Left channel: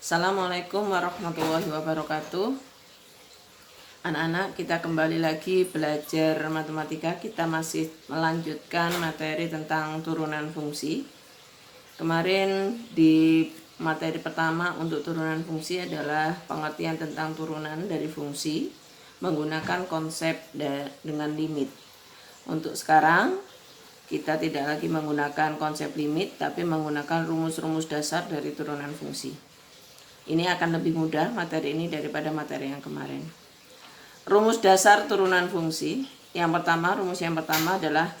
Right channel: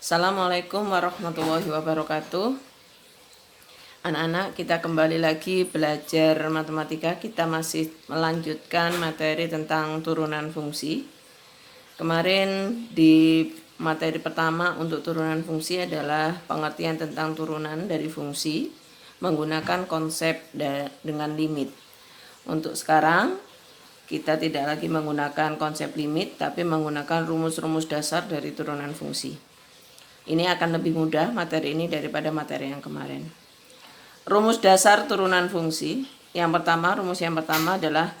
Assalamualaikum warahmatullahi wabarakatuh. Anak-anak, kita kembali lagi belajar matematika. Kita masih melanjutkan materi tentang turunan fungsi. Kemarin di materi pertama untuk turunan fungsi adalah pengertian tentang turunan dari fungsi menggunakan konsep dengan limit. Untuk sekarang kita tidak lagi menggunakan konsep limit, tapi menggunakan rumus-rumus dasar dari turunan fungsi. Ini akan lebih mudah materi ini daripada materi yang kemarin. Rumus dasar turunan fungsi. Rumus yang pertama adalah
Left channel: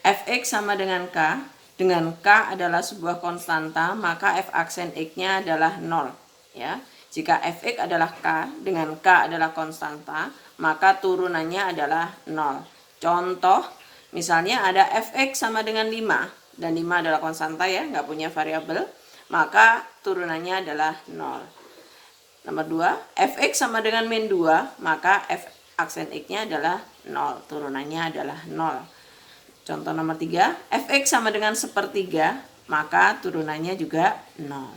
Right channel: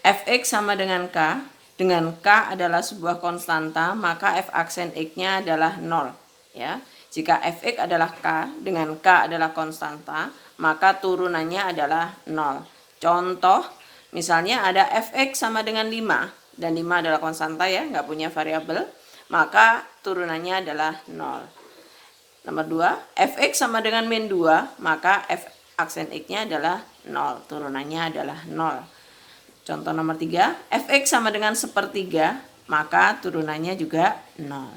fx sama dengan k. Dengan k adalah sebuah konstanta, maka f aksen x-nya adalah 0. Ya. Jika fx adalah k, dengan k adalah konstanta, maka turunannya adalah 0. Contoh, misalnya ada fx sama dengan 5, dan 5 adalah konstanta ya, nggak punya variabel, maka turunannya adalah 0. Nomor 2, fx sama dengan min 2, maka f aksen x-nya adalah 0, turunannya adalah 0. Contoh nomor 3, fx sama dengan sepertiga, maka turunannya juga 0.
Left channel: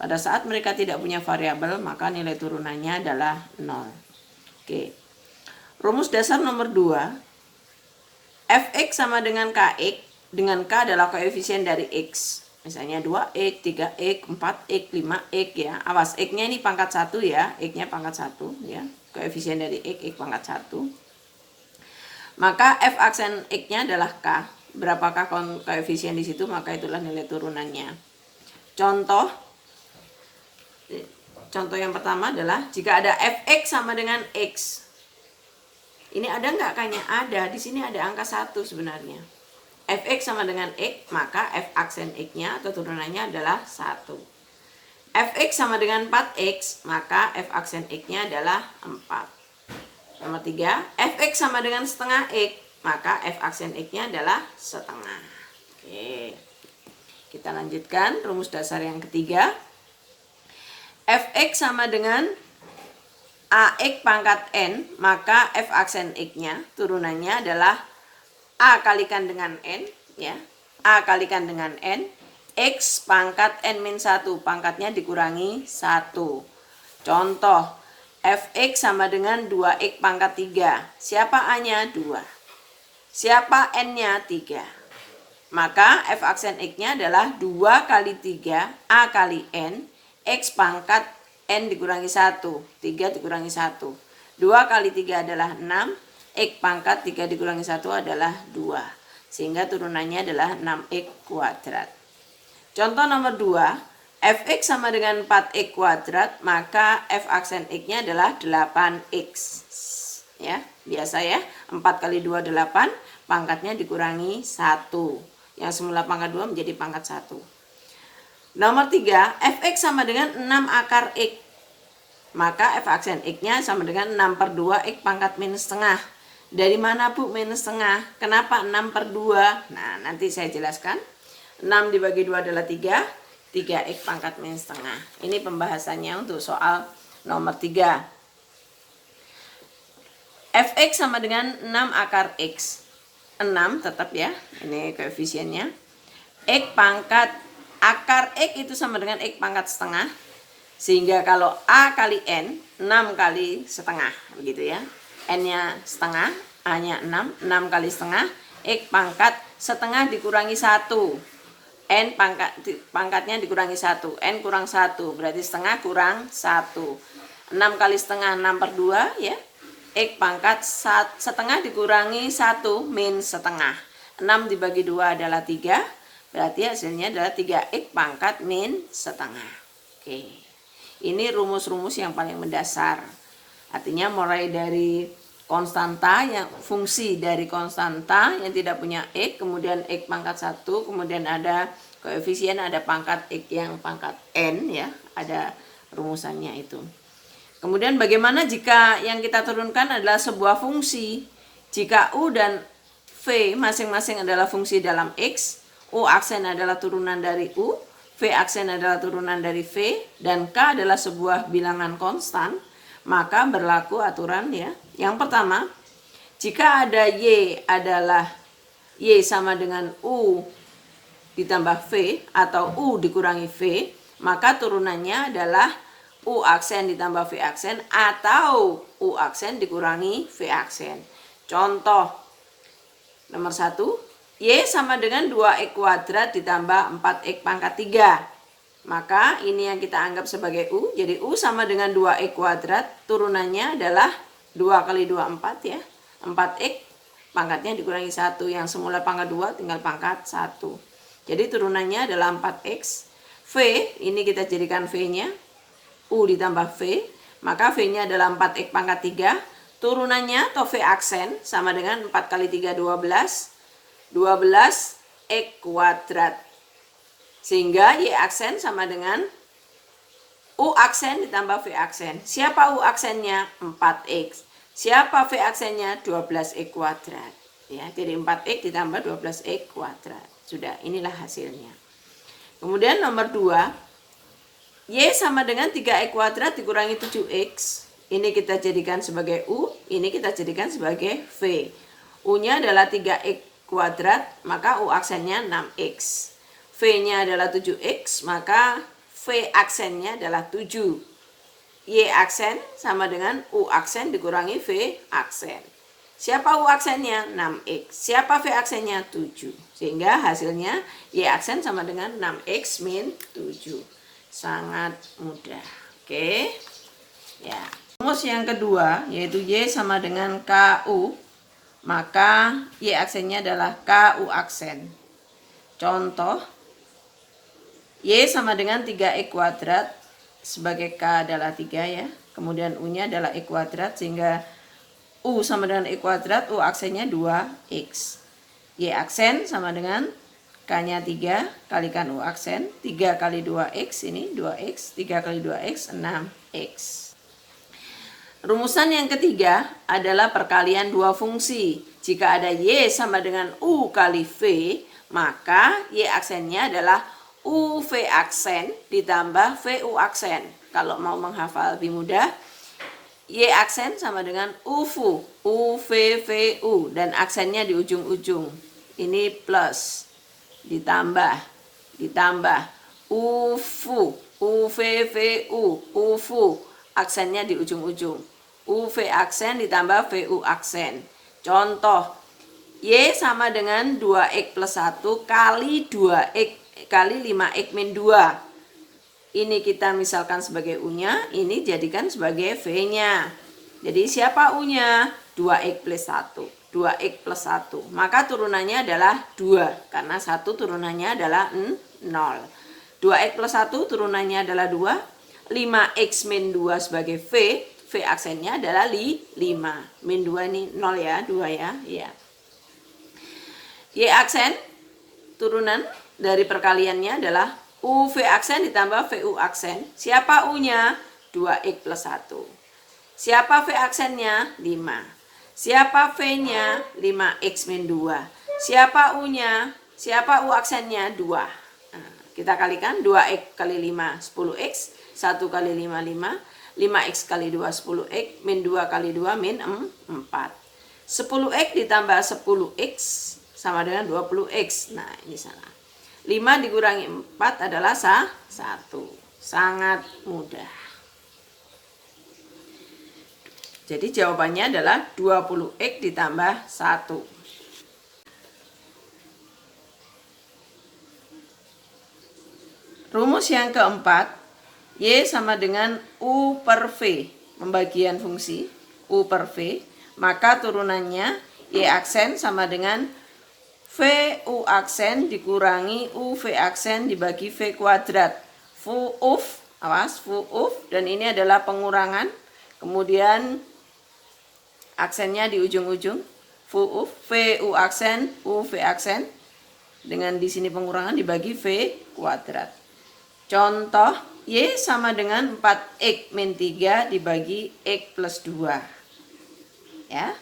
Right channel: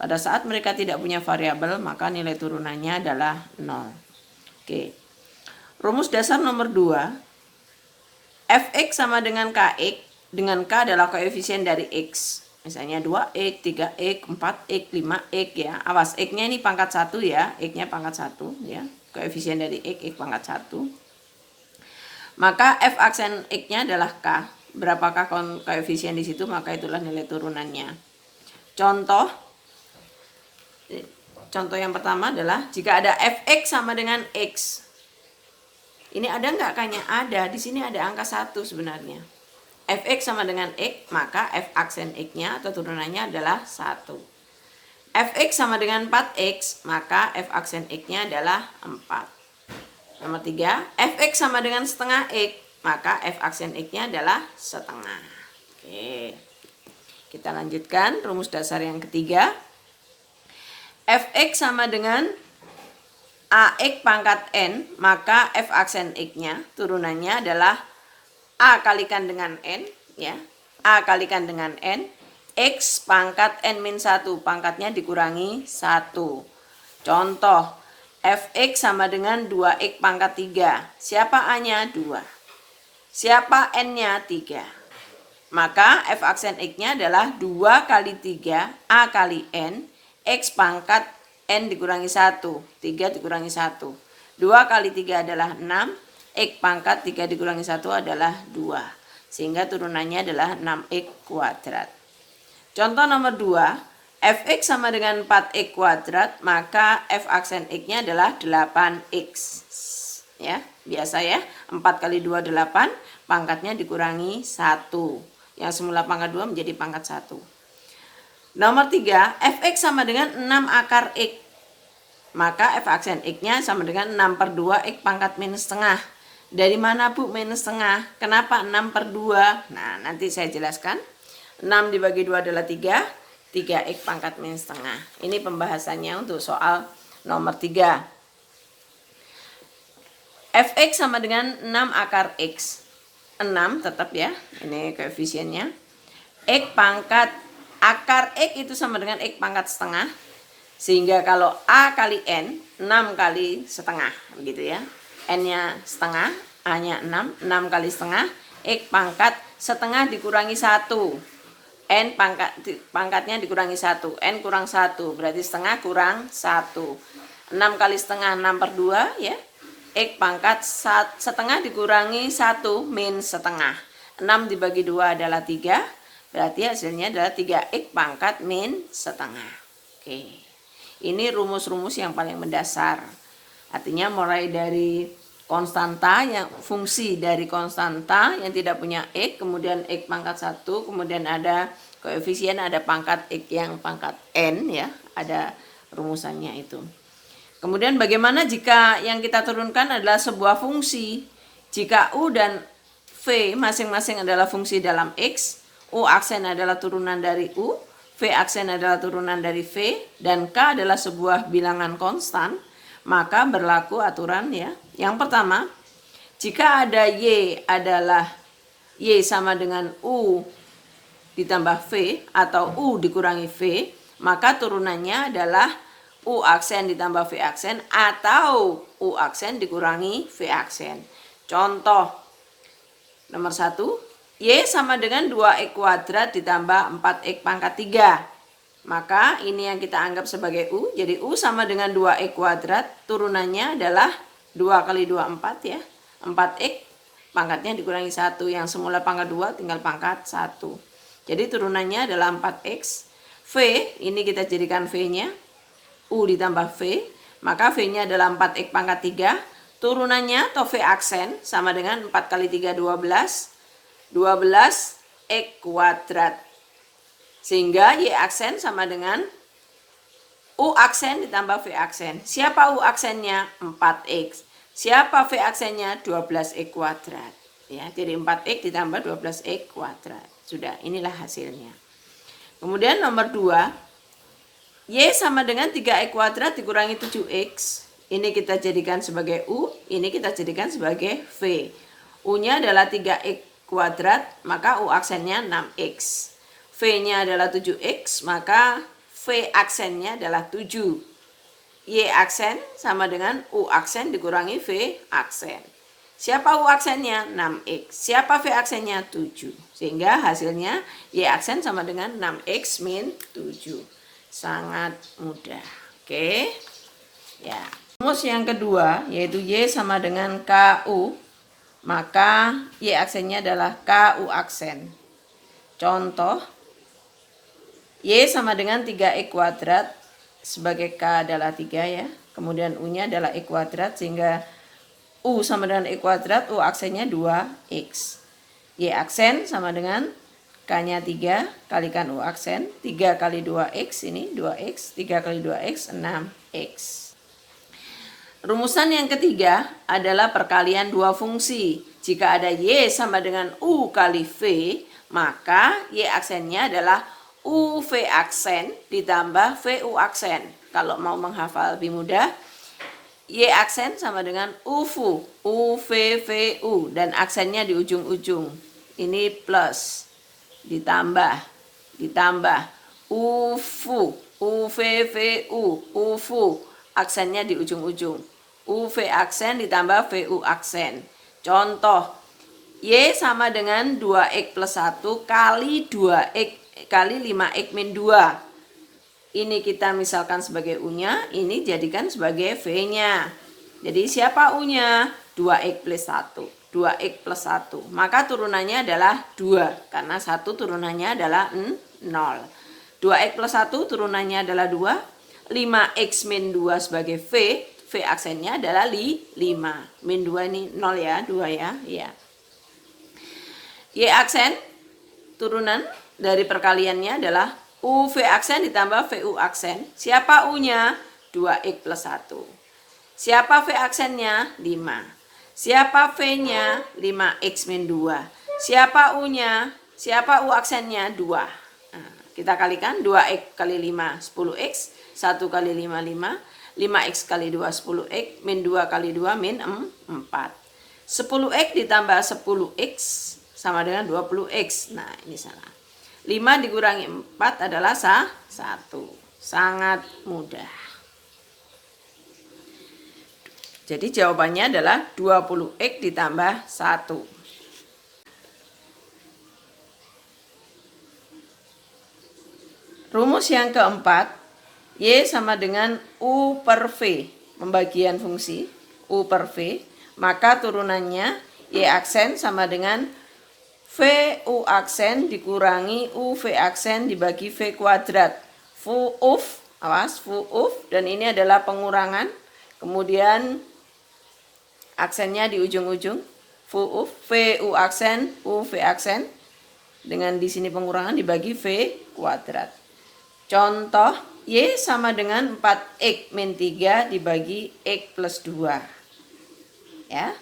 Pada saat mereka tidak punya variabel, maka nilai turunannya adalah 0. Oke. Rumus dasar nomor 2, fx sama dengan kx, dengan k adalah koefisien dari x. Misalnya 2x, 3x, 4x, 5x ya. Awas, x-nya ini pangkat 1 ya. X-nya pangkat 1 ya. Koefisien dari x pangkat 1. Maka f aksen x-nya adalah k. Berapakah koefisien di situ, maka itulah nilai turunannya. Contoh yang pertama adalah jika ada fx sama dengan x. Ini ada nggak kayaknya? Ada. Di sini ada angka 1 sebenarnya. Fx sama dengan x, maka f aksen x-nya atau turunannya adalah 1. Fx sama dengan 4x, maka f aksen x-nya adalah 4. Nomor 3, fx sama dengan setengah x, maka f aksen x-nya adalah setengah. Oke. Kita lanjutkan rumus dasar yang ketiga. Fx sama dengan ax pangkat n, maka f aksen x-nya turunannya adalah a kalikan dengan n ya. A kalikan dengan n, x pangkat n min 1, pangkatnya dikurangi 1. Contoh, fx sama dengan 2x pangkat 3. Siapa a-nya? 2. Siapa n-nya? 3. Maka f aksen x-nya adalah 2 kali 3 a kali n, x pangkat n dikurangi 1. 3 dikurangi 1. 2 kali 3 adalah 6. X pangkat 3 dikurangi 1 adalah 2. Sehingga turunannya adalah 6x kuadrat. Contoh nomor 2, fx sama dengan 4x kuadrat, maka f aksen x-nya adalah 8x. Ya, biasa ya. 4 kali 2 8, pangkatnya dikurangi 1. Yang semula pangkat 2 menjadi pangkat 1. Nomor 3, fx sama dengan 6 akar x. Maka f aksen x-nya sama dengan 6 per 2 x pangkat minus setengah. Dari mana Bu minus setengah? Kenapa 6 per 2? Nah, nanti saya jelaskan. 6 dibagi 2 adalah 3. 3x pangkat minus setengah. Ini pembahasannya untuk soal nomor 3. Fx sama dengan 6 akar x. 6 tetap ya. Ini koefisiennya. X pangkat akar x itu sama dengan x pangkat setengah. Sehingga kalau a kali n, 6 kali setengah. Begitu ya. N-nya setengah, A-nya 6, 6 kali setengah, X pangkat setengah dikurangi 1. N pangkatnya dikurangi 1, N kurang 1, berarti setengah kurang 1. 6 kali setengah, 6 per 2 ya. X pangkat setengah dikurangi 1 min setengah. 6 dibagi 2 adalah 3, berarti hasilnya adalah 3X pangkat min setengah. Oke. Ini rumus-rumus yang paling mendasar. Artinya mulai dari konstanta, yang fungsi dari konstanta yang tidak punya x, kemudian x pangkat 1, kemudian ada koefisien, ada pangkat x yang pangkat n ya, ada rumusannya itu. Kemudian bagaimana jika yang kita turunkan adalah sebuah fungsi? Jika u dan v masing-masing adalah fungsi dalam x, u aksen adalah turunan dari u, v aksen adalah turunan dari v, dan k adalah sebuah bilangan konstan, maka berlaku aturan ya. Yang pertama, jika ada y adalah y sama dengan u ditambah v atau u dikurangi v, maka turunannya adalah U aksen ditambah V aksen atau U aksen dikurangi V aksen. Contoh nomor 1, Y sama dengan 2X kuadrat ditambah 4X pangkat 3. Maka ini yang kita anggap sebagai U. Jadi U sama dengan 2X kuadrat, turunannya adalah 2 kali 2, 4 ya. 4X pangkatnya dikurangi 1, yang semula pangkat 2 tinggal pangkat 1. Jadi turunannya adalah 4X. V, ini kita jadikan V-nya. U ditambah V, maka V-nya adalah 4X pangkat 3. Turunannya atau V aksen sama dengan 4 kali 3, 12. 12X kuadrat. Sehingga Y aksen sama dengan U aksen ditambah V aksen. Siapa U aksennya? 4X. Siapa V aksennya? 12X kuadrat. Ya, jadi 4X ditambah 12X kuadrat. Sudah, inilah hasilnya. Kemudian nomor 2, Y sama dengan 3X kuadrat dikurangi 7X. Ini kita jadikan sebagai U, ini kita jadikan sebagai V. U-nya adalah 3X kuadrat, maka U aksennya 6X. V-nya adalah 7X, maka V aksennya adalah 7. Y aksen sama dengan U aksen dikurangi V aksen. Siapa U aksennya? 6X. Siapa V aksennya? 7. Sehingga hasilnya Y aksen sama dengan 6X min 7. Sangat mudah. Oke. Ya. Rumus yang kedua yaitu Y sama dengan KU. Maka Y aksennya adalah KU aksen. Contoh, Y sama dengan 3X kuadrat, sebagai K adalah 3 ya. Kemudian U-nya adalah X kuadrat, sehingga U sama dengan X kuadrat, U aksennya 2X. Y aksen sama dengan K-nya 3, kalikan U aksen. 3 kali 2X, ini 2X. 3 kali 2X, 6X. Rumusan yang ketiga adalah perkalian dua fungsi. Jika ada Y sama dengan U kali V, maka Y aksennya adalah UV aksen ditambah VU aksen. Kalau mau menghafal lebih mudah, Y aksen sama dengan UVU, UVVU, dan aksennya di ujung-ujung. Ini plus, ditambah, UVU, UVVU, UVU, aksennya di ujung-ujung. UV aksen ditambah VU aksen. Contoh, Y sama dengan 2X plus 1 kali 2X kali 5X min 2. Ini kita misalkan sebagai U-nya, ini jadikan sebagai V-nya. Jadi siapa U-nya? 2X plus 1. 2X plus 1. Maka turunannya adalah 2. Karena 1 turunannya adalah 0. 2X plus 1 turunannya adalah 2. 5X min 2 sebagai V. V aksennya adalah 5. Min 2 ini 0 ya, 2 ya. Iya. Y aksen turunan dari perkaliannya adalah UV aksen ditambah VU aksen. Siapa U-nya? 2X plus 1. Siapa V aksennya? 5. Siapa V-nya? 5X min 2. Siapa U-nya? Siapa U aksennya? 2. Nah, kita kalikan 2X kali 5, 10X. 1 kali 5, 5. 5X kali 2, 10X. Min 2 kali 2, min 4. 10X ditambah 10X sama dengan 20X. Nah, ini salah. 5 dikurangi 4 adalah 1. Sangat mudah. Jadi jawabannya adalah 20X ditambah 1. Rumus yang keempat, Y sama dengan U per V. Pembagian fungsi U per V. Maka turunannya Y aksen sama dengan VU aksen dikurangi UV aksen dibagi V kuadrat. VUF, awas, VUF, dan ini adalah pengurangan. Kemudian aksennya di ujung-ujung. VUF, VU aksen, UV aksen. Dengan di sini pengurangan dibagi V kuadrat. Contoh, Y sama dengan 4X min 3 dibagi X plus 2. Ya.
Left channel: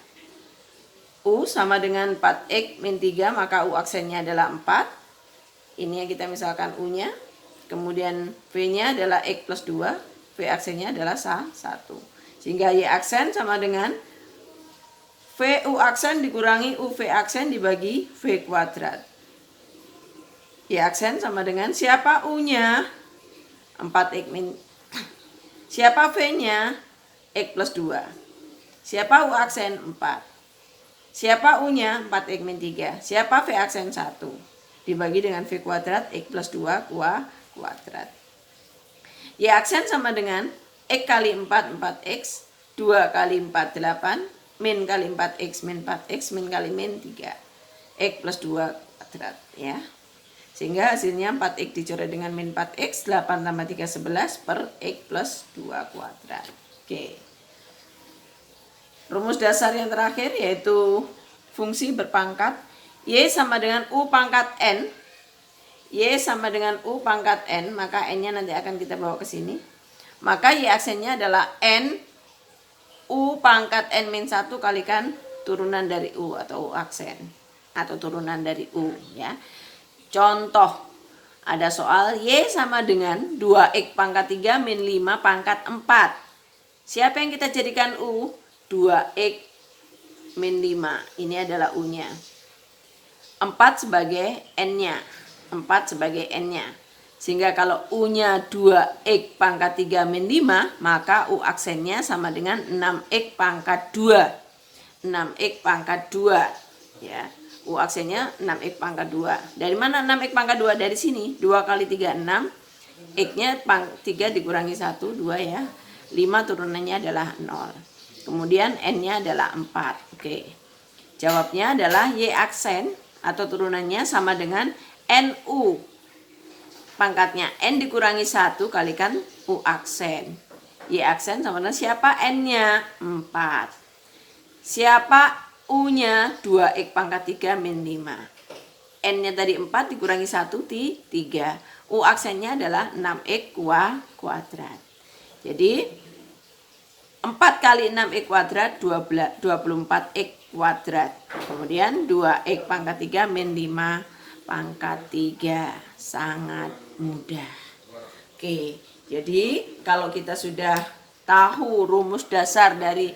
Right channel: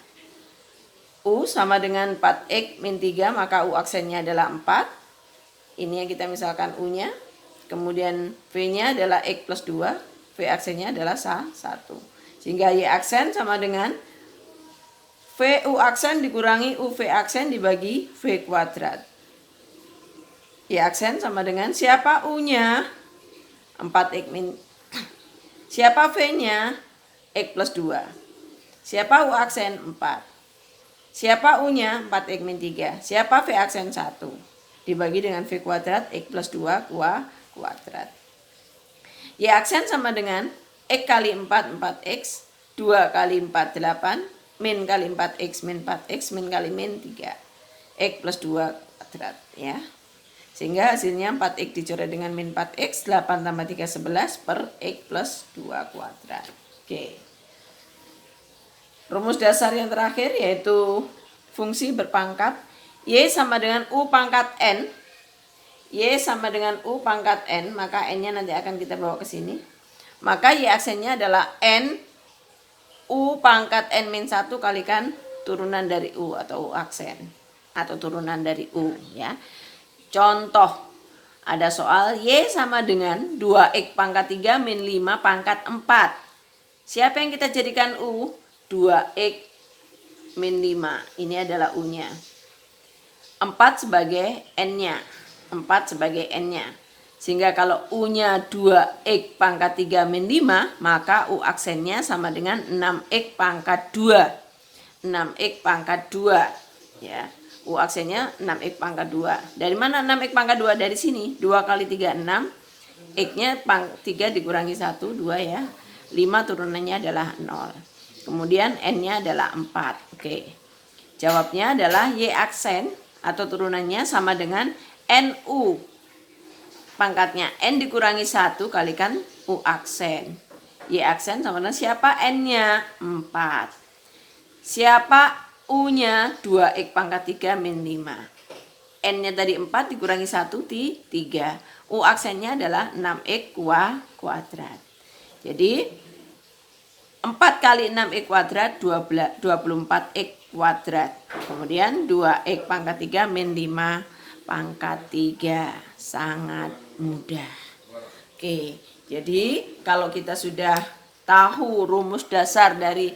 U sama dengan 4X min 3, maka U aksennya adalah 4. Ini yang kita misalkan U-nya. Kemudian V-nya adalah X plus 2. V aksennya adalah 1. Sehingga Y aksen sama dengan VU aksen dikurangi UV aksen dibagi V kuadrat. Y aksen sama dengan siapa U-nya? 4x min. Siapa V-nya? X plus 2. Siapa U aksen? 4. Siapa U-nya? 4x min 3. Siapa V aksen? 1. Dibagi dengan V kuadrat X plus 2 kuadrat. Y aksen sama dengan X kali 4, 4x. 2 kali 4, 8. Min kali 4x, min 4x, min kali min 3. X plus 2 kuadrat. Ya. Sehingga hasilnya 4x dicoret dengan min 4x. 8 tambah 3, 11 per X plus 2 kuadrat. Oke. Rumus dasar yang terakhir yaitu fungsi berpangkat Y sama dengan U pangkat N. Y sama dengan U pangkat N, maka N-nya nanti akan kita bawa ke sini. Maka Y aksennya adalah N U pangkat N min 1 kalikan turunan dari U atau U aksen. Atau turunan dari U ya. Contoh, ada soal Y sama dengan 2X pangkat 3 min 5 pangkat 4. Siapa yang kita jadikan U? 2X min 5. Ini adalah U-nya. 4 sebagai N-nya. 4 sebagai N-nya. Sehingga kalau U-nya 2X pangkat 3 min 5, maka U aksennya sama dengan 6X pangkat 2. 6X pangkat 2. Ya. U aksennya 6X pangkat 2. Dari mana 6X pangkat 2? Dari sini. 2 kali 3, 6. X-nya 3 dikurangi 1, 2 ya. 5 turunannya adalah 0. Kemudian N-nya adalah 4. Oke. Jawabnya adalah Y aksen atau turunannya sama dengan NU. Pangkatnya N dikurangi 1 kalikan U aksen. Y aksen sama dengan siapa? N-nya 4. Siapa U-nya? 2X pangkat 3 min 5. N-nya tadi 4 dikurangi 1 di 3. U aksennya adalah 6X kuadrat. Jadi 4 kali 6X kuadrat 24X kuadrat. Kemudian 2X pangkat 3 min 5 pangkat 3. Sangat mudah. Oke, jadi kalau kita sudah tahu rumus dasar dari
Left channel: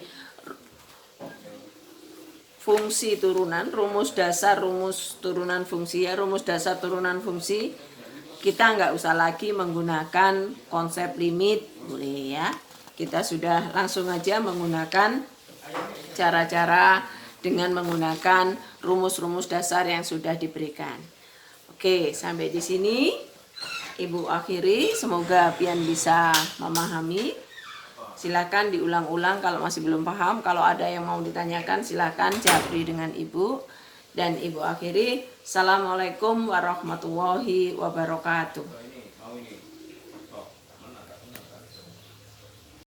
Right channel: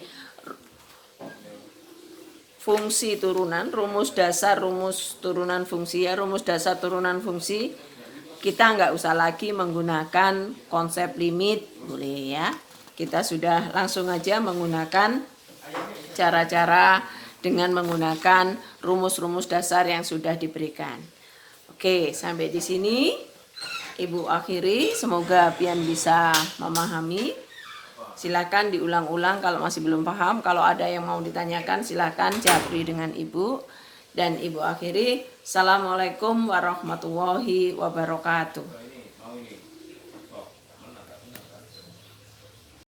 fungsi turunan, rumus dasar turunan fungsi ya, rumus dasar turunan fungsi, kita nggak usah lagi menggunakan konsep limit, boleh ya. Kita sudah langsung aja menggunakan cara-cara dengan menggunakan rumus-rumus dasar yang sudah diberikan. Oke, sampai di sini Ibu akhiri. Semoga pian bisa memahami. Silakan diulang-ulang kalau masih belum paham. Kalau ada yang mau ditanyakan silakan japri dengan Ibu. Dan Ibu akhiri. Assalamualaikum warahmatullahi wabarakatuh.